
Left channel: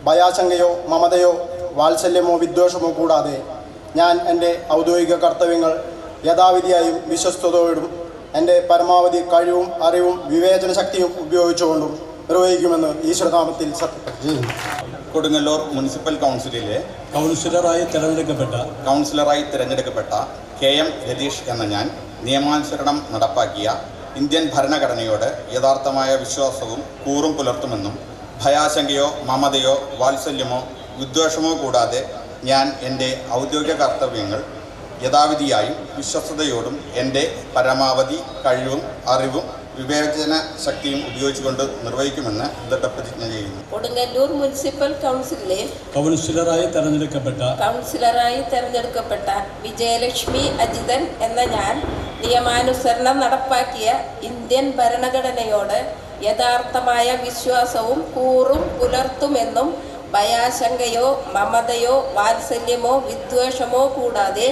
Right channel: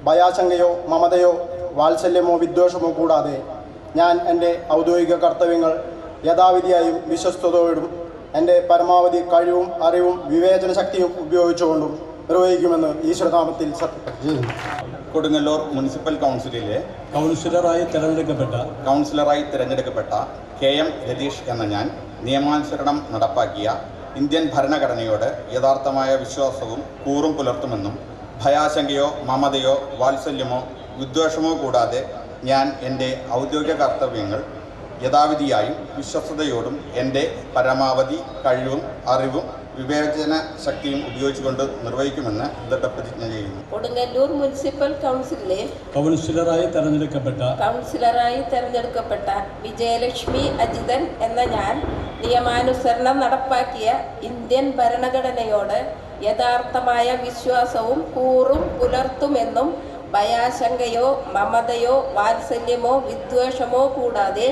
ഭയാശങ്കയോ മമതയോ വാത്സല്യമോ വിദ്വേഷമോ കൂടാതെ ഞാൻ എൻ്റെ ഔദ്യോഗിക കർത്തവ്യങ്ങൾ യഥാവിധിയായും വിശ്വസ്തയോടും എൻ്റെ പരമാവധി കഴിവും അറിവും വിവേചന ശക്തിയും ഉപയോഗിച്ചുകൊണ്ടും നിർവഹിക്കുമെന്ന് ഈശ്വരനാമത്തിൽ സത്യപ്രതിജ്ഞ ചെയ്യുന്നു. കൊടുങ്ങല്ലൂർ മുനിസിപ്പൽ കൗൺസിലിലെ കൗൺസിലറായി തിരഞ്ഞെടുക്കപ്പെട്ട KM രതീഷ് എന്ന ഞാൻ നിയമാനുസരണം നടപ്പാക്കിയ ഇന്ത്യൻ ഭരണഘടനയോട് യഥാർത്ഥമായ വിശ്വാസവും കൂറും പുലർത്തുമെന്നും ഭയാശങ്കയോ മമതയോ വാത്സല്യമോ വിദ്വേഷമോ കൂടാതെ ഞാൻ എൻ്റെ ഔദ്യോഗിക കർത്തവ്യങ്ങൾ യഥാവിധിയായും വിശ്വസ്തയോടും എൻ്റെ പരമാവധി കഴിവും അറിവും വിവേചന ശക്തിയും ഉപയോഗിച്ചുകൊണ്ട് നിർവഹിക്കുമെന്ന് ദൃഢപ്രതിജ്ഞ ചെയ്യുന്നു. കൊടുങ്ങല്ലൂർ മുനിസിപ്പൽ കൗൺസിലിലെ കൗൺസിലറായി തെരഞ്ഞെടുക്കപ്പെട്ട വിജയലക്ഷ്മി അജിതൻ എന്ന ഞാൻ നിയമാനുസരണം നടപ്പാക്കിയ ഇന്ത്യൻ ഭരണഘടനയോട് യഥാർത്ഥമായ വിശ്വാസവും കൂറും പുലർത്തുമെന്നും ഭയാശങ്കയോ മമതയോ വാത്സല്യമോ വിദ്വേഷമോ കൂടാതെ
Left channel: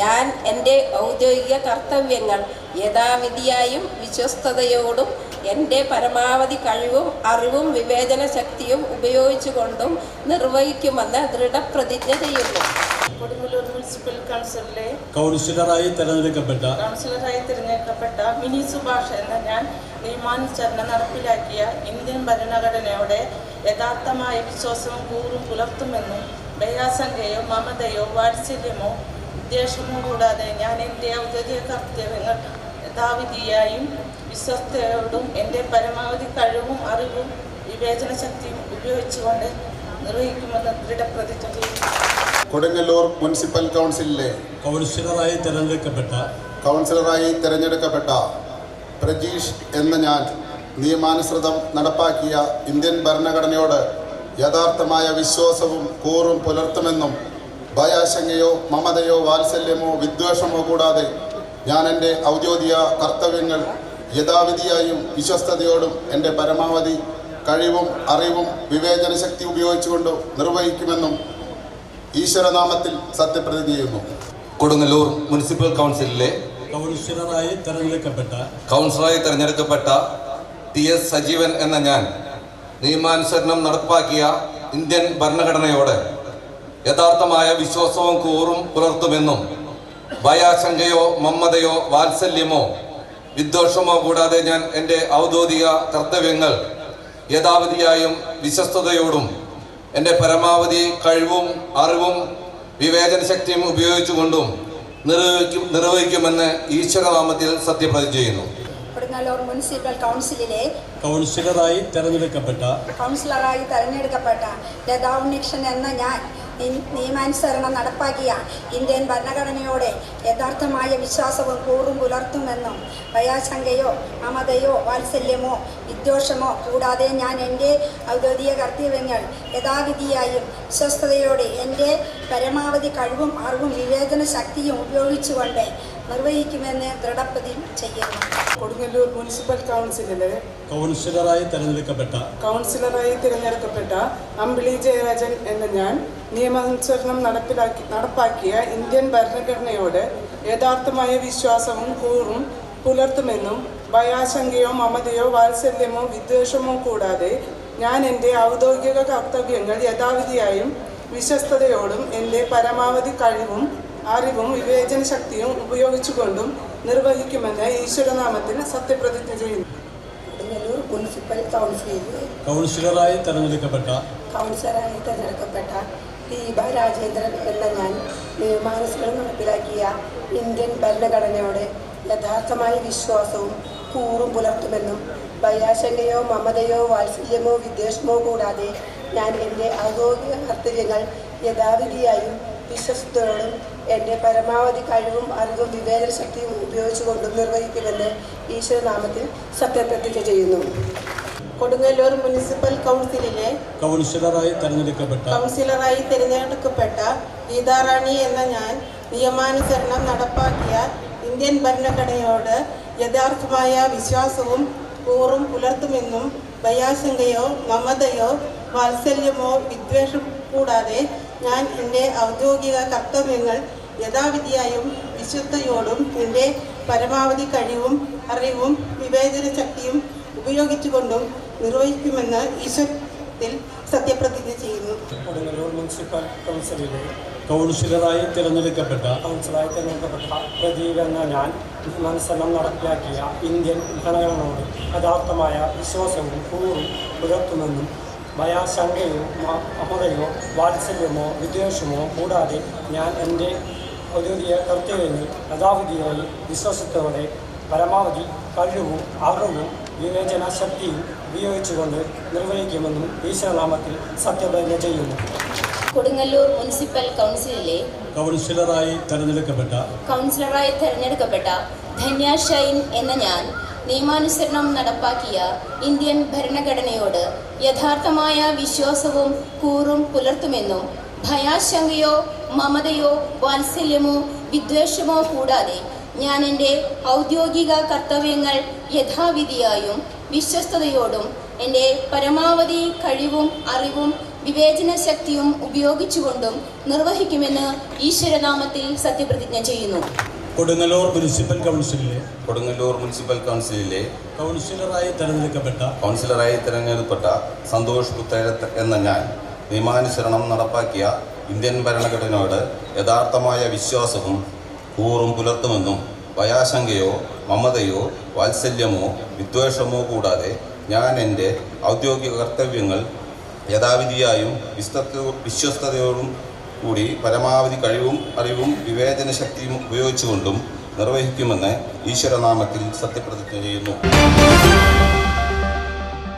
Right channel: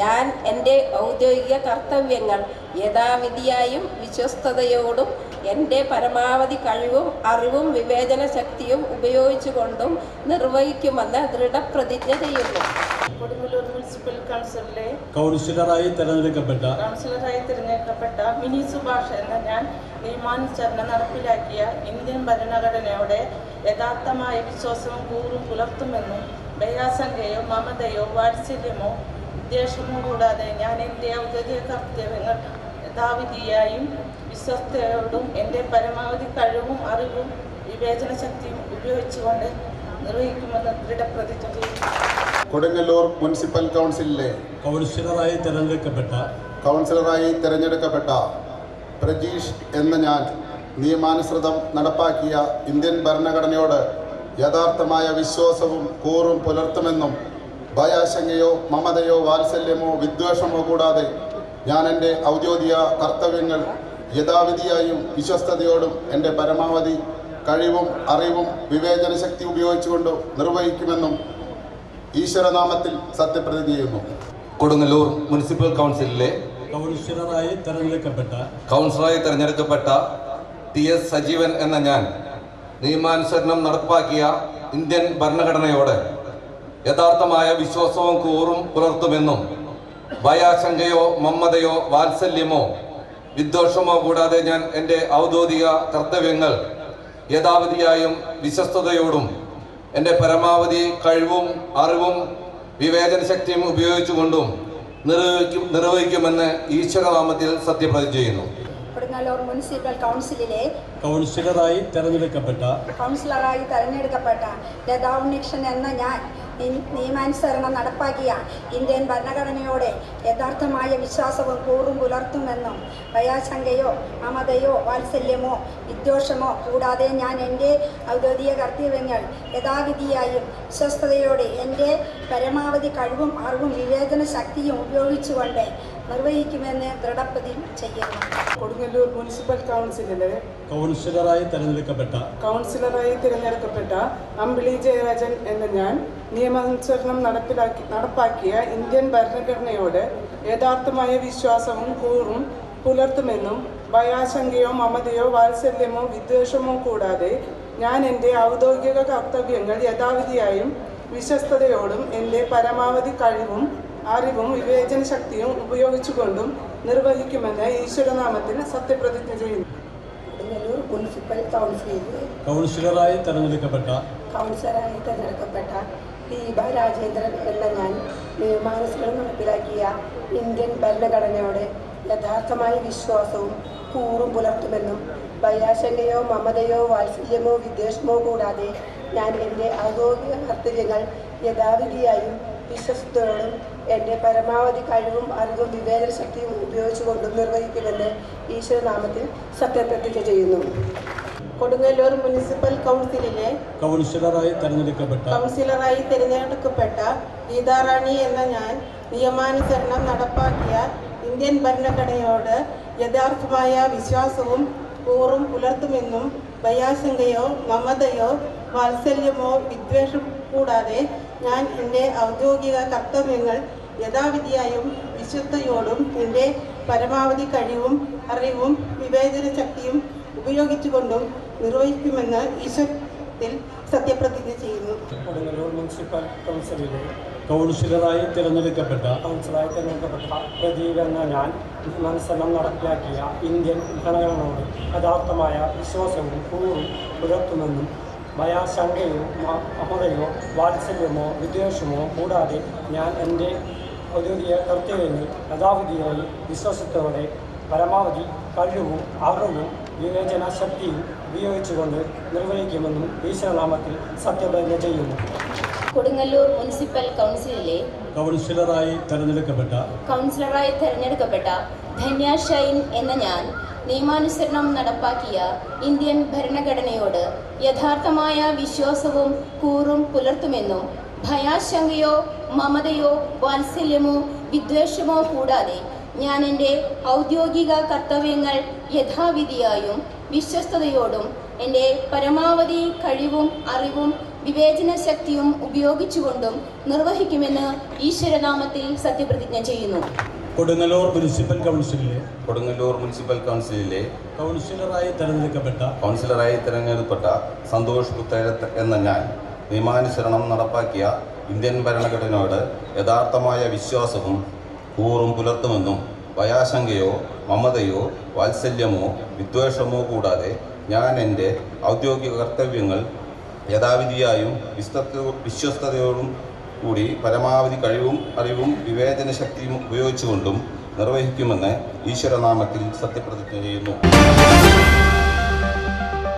ഞാൻ എൻ്റെ ഔദ്യോഗിക കർത്തവ്യങ്ങൾ യഥാവിധിയായും വിശ്വസ്തയോടും എൻ്റെ പരമാവധി കഴിവും അറിവും വിവേചന ശക്തിയും ഉപയോഗിച്ചുകൊണ്ടും നിർവഹിക്കുമെന്ന് ദൃഢപ്രതിജ്ഞ ചെയ്യുന്നു. കൊടുങ്ങല്ലൂർ മുനിസിപ്പൽ കൗൺസിലിലെ കൗൺസിലറായി തിരഞ്ഞെടുക്കപ്പെട്ട മിനി സുഭാഷ് എന്ന ഞാൻ നിയമാനുസരണം നടപ്പിലാക്കിയ ഇന്ത്യൻ ഭരണഘടനയോടെ യഥാർത്ഥമായ വിശ്വാസവും കൂറും പുലർത്തുമെന്നും ഭയാശങ്കയോ മമതയോ വാത്സല്യമോ വിദ്വേഷമോ കൂടാതെ ഞാൻ എൻ്റെ ഔദ്യോഗിക കർത്തവ്യങ്ങൾ യഥാവിധിയായും വിശ്വസ്തയോടും എൻ്റെ പരമാവധി കഴിവും അറിവും വിവേചന ശക്തിയും ഉപയോഗിച്ചുകൊണ്ട് നിർവഹിക്കുമെന്ന് ദൃഢപ്രതിജ്ഞ ചെയ്യുന്നു. കൊടുങ്ങല്ലൂർ മുനിസിപ്പൽ കൗൺസിലിലെ കൗൺസിലറായി തിരഞ്ഞെടുക്കപ്പെട്ട പ്രജീഷ് എന്ന ഞാൻ നിയമാനുസൃതം നടപ്പാക്കിയ ഇന്ത്യൻ ഭരണഘടനയോട് യഥാർത്ഥമായ വിശ്വാസവും കൂറും പുലർത്തുമെന്നും ഭയാശങ്കയോ മമതയോ വാത്സല്യമോ വിദ്വേഷമോ കൂടാതെ ഞാൻ എൻ്റെ ഔദ്യോഗിക കർത്തവ്യങ്ങൾ യഥാവിധിയായും വിശ്വസ്തയോടും എൻ്റെ പരമാവധി കഴിവും അറിവും വിവേചന ശക്തി ഉപയോഗിച്ചുകൊണ്ട് നിർവഹിക്കുമെന്നും ഈശ്വരനാമത്തിൽ സത്യപ്രതിജ്ഞ ചെയ്യുന്നു. കൊടുങ്ങല്ലൂർ മുനിസിപ്പൽ കൗൺസിലിലെ കൗൺസിലറായി തിരഞ്ഞെടുക്കപ്പെട്ട TS സജീവൻ എന്ന ഞാൻ നിയമാനുസരണം നടപ്പാക്കിയ ഇന്ത്യൻ ഭരണഘടനയോട് യഥാർത്ഥമായ വിശ്വാസവും കൂറും പുലർത്തുമെന്നും ഭയാശങ്കയോ മമതയോ വാത്സല്യമോ വിദ്വേഷമോ കൂടാതെ ഞാൻ എൻ്റെ ഔദ്യോഗിക കർത്തവ്യങ്ങൾ യഥാവിധിയായും വിശ്വസ്തയോടും എൻ്റെ പരമാവധി കഴിവും അറിവും വിവേചന ശക്തിയും ഉപയോഗിച്ചുകൊണ്ടും നിർവഹിക്കുമെന്ന് ഈശ്വരനാമത്തിൽ സത്യപ്രതിജ്ഞ ചെയ്യുന്നു. കൊടുങ്ങല്ലൂർ മുനിസിപ്പൽ കൗൺസിലിലെ കൗൺസിലറായി തിരഞ്ഞെടുക്കപ്പെട്ട ലതാ ഉണ്ണികൃഷ്ണൻ എന്ന ഞാൻ നിയമാനുസരണം നടപ്പാക്കിയ ഇന്ത്യൻ ഭരണഘടനയോടെ യഥാർത്ഥമായ വിശ്വാസവും കൂറും പുലർത്തുമെന്നും ഭയാശങ്കയോ മമതയോ വാത്സല്യമോ വിദ്വേഷമോ കൂടാതെ ഞാൻ എൻ്റെ ഔദ്യോഗിക കർത്തവ്യങ്ങൾ യഥാവിധിയായും വിശ്വസ്തയോടെ എൻ്റെ പരമാവധി കഴിവും അറിവും വിവേചന ശക്തിയും ഉപയോഗിച്ചുകൊണ്ട് നിർവഹിക്കുമെന്ന് ദൃഢപ്രതിജ്ഞ ചെയ്യുന്നു. കൊടുങ്ങല്ലൂർ മുനിസിപ്പൽ കൗൺസിലിലെ കൗൺസിലറായി തിരഞ്ഞെടുക്കപ്പെട്ട അമ്പിളി ജയരാജൻ എന്ന ഞാൻ നിയമാനുസരണം നടപ്പാക്കിയ ഇന്ത്യൻ ഭരണഘടനയോട് യഥാർത്ഥമായ വിശ്വാസവും കൂറും പുലർത്തുമെന്നും ഭയാശങ്കയോ മമതയോ വാത്സല്യമോ വിദ്വേഷമോ കൂടാതെ ഞാൻ എൻ്റെ ഔദ്യോഗിക കർത്തവ്യങ്ങൾ യഥാവിധിയായും വിശ്വസ്തയോടും എൻ്റെ പരമാവധി കഴിവും അറിവും വിവേചന ശക്തിയും ഉപയോഗിച്ചുകൊണ്ടും നിർവഹിക്കുമെന്ന് ഈശ്വരനാമത്തിൽ സത്യപ്രതിജ്ഞ ചെയ്യുന്നു. കൊടുങ്ങല്ലൂർ മുനിസിപ്പൽ കൗൺസിലിലെ കൗൺസിലറായി തിരഞ്ഞെടുക്കപ്പെട്ട ദീപ രാജേന്ദ്രൻ എന്ന ഞാൻ നിയമാനുസരണം നടപ്പിലാക്കിയ ഇന്ത്യൻ ഭരണഘടനയോട് യഥാർത്ഥമായ വിശ്വാസവും കൂറും പുലർത്തുമെന്നും ഭയാശങ്കയോ മമതയോ വാത്സല്യമോ വിദ്വേഷമോ കൂടാതെ ഞാൻ എൻ്റെ ഔദ്യോഗിക കർത്തവ്യങ്ങൾ യഥാവിധിയായും വിശ്വസ്തയോടും എൻ്റെ പരമാവധി കഴിവും അറിവും വിവേചന ശക്തിയും ഉപയോഗിച്ചുകൊണ്ടും നിർവഹിക്കുമെന്ന് ഈശ്വരനാമത്തിൽ സത്യപ്രതിജ്ഞ ചെയ്യുന്നു. കൊടുങ്ങല്ലൂർ മുനിസിപ്പൽ കൗൺസിലിലെ കൗൺസിലറായി തിരഞ്ഞെടുക്കപ്പെട്ട ഗീതാറാണി എന്ന ഞാൻ നിയമാനുസരണം നടപ്പാക്കിയ ഇന്ത്യൻ ഭരണഘടനയോട് യഥാർത്ഥമായ വിശ്വാസവും കൂറും പുലർത്തുമെന്നും ഭയാശങ്കയോ മമതയോ വാത്സല്യമോ വിദ്വേഷം കൂടാതെ ഞാൻ എൻ്റെ ഔദ്യോഗിക കർത്തവ്യങ്ങൾ യഥാവിധിയായും വിശ്വസ്തയോടും എൻ്റെ പരമാവധി കഴിവും അറിവും വിവേചന ശക്തിയും ഉപയോഗിച്ചുകൊണ്ടും നിർവഹിക്കുമെന്ന് ഈശ്വരത്തിൽ സത്യപ്രതിജ്ഞ ചെയ്യുന്നു. കൊടുങ്ങല്ലൂർ മുനിസിപ്പൽ കൗൺസിലിലെ കൗൺസിലറായി തിരഞ്ഞെടുക്കപ്പെട്ട പ്രദീപ് എന്ന ഞാൻ നിയമാനുസരണം നടപ്പിലാക്കിയ ഇന്ത്യൻ ഭരണഘടനയോട് യഥാർത്ഥമായ വിശ്വാസവും കൂറും പുലർത്തുമെന്നും ഭയാശങ്കയോ മമതയോ വാത്സല്യമോ വിദ്വേഷമോ കൂടാതെ ഞാൻ എൻ്റെ ഔദ്യോഗിക കർത്തവ്യങ്ങൾ യഥാവിധിയായി വിശ്വാസത്തോടെ പരമാവധി കഴിവും അറിവും വിവേചന ശക്തിയും ഉപയോഗിച്ചുകൊണ്ട് നിർവഹിക്കുമെന്നും ഈശ്വരനാമത്തിൽ സത്യപ്രതിജ്ഞ ചെയ്യുന്നു. കൊടുങ്ങല്ലൂർ മുനിസിപ്പൽ കൗൺസിലിലെ കൗൺസിലറായി തിരഞ്ഞെടുക്കപ്പെട്ട ധന്യ ഷൈൻ എന്ന ഞാൻ നിയമാനുസരണം നടപ്പാക്കിയ ഇന്ത്യൻ ഭരണഘടനയോട് യഥാർത്ഥമായ വിശ്വാസവും കൂറും പുലർത്തുമെന്നും ഭയാശങ്കയോ മമതയോ വാത്സല്യമോ വിദ്വേഷമോ കൂടാതെ ഞാൻ എൻ്റെ ഔദ്യോഗിക കർത്തവ്യങ്ങൾ യഥാവിധിയായും വിശ്വസ്തയോടും എൻ്റെ പരമാവധി കഴിവും അറിവും വിവേചന ശക്തിയും ഉപയോഗിച്ചുകൊണ്ടും നിർവഹിക്കുമെന്ന് ഈശ്വരനാമത്തിൽ സത്യപ്രതിജ്ഞ ചെയ്യുന്നു. കൊടുങ്ങല്ലൂർ മുനിസിപ്പൽ കൗൺസിലിലെ കൗൺസിലറായി തിരഞ്ഞെടുക്കപ്പെട്ട സന്തോഷ് പുത്തേര എന്ന ഞാൻ നിയമാനുസരണം നടപ്പാക്കിയ ഇന്ത്യൻ ഭരണഘടനയോട് യഥാർത്ഥമായ വിശ്വാസവും കൂറും പുലർത്തുമെന്നും ഭയാശങ്കയോ മമതയോ വാത്സല്യമോ വിദ്വേഷമോ കൂടാതെ ഞാൻ എൻ്റെ ഔദ്യോഗിക കർത്തവ്യങ്ങൾ യഥാവിധിയായും വിശ്വസ്തയോടും കൂടി പരമാവധി കഴിവും അറിവും വിവേചന ശക്തിയും ഉപയോഗിച്ചുകൊണ്ടും നിർവഹിക്കുമെന്ന് ഈശ്വരനാമത്തിൽ സത്യപ്രതിജ്ഞ ചെയ്യുന്നു.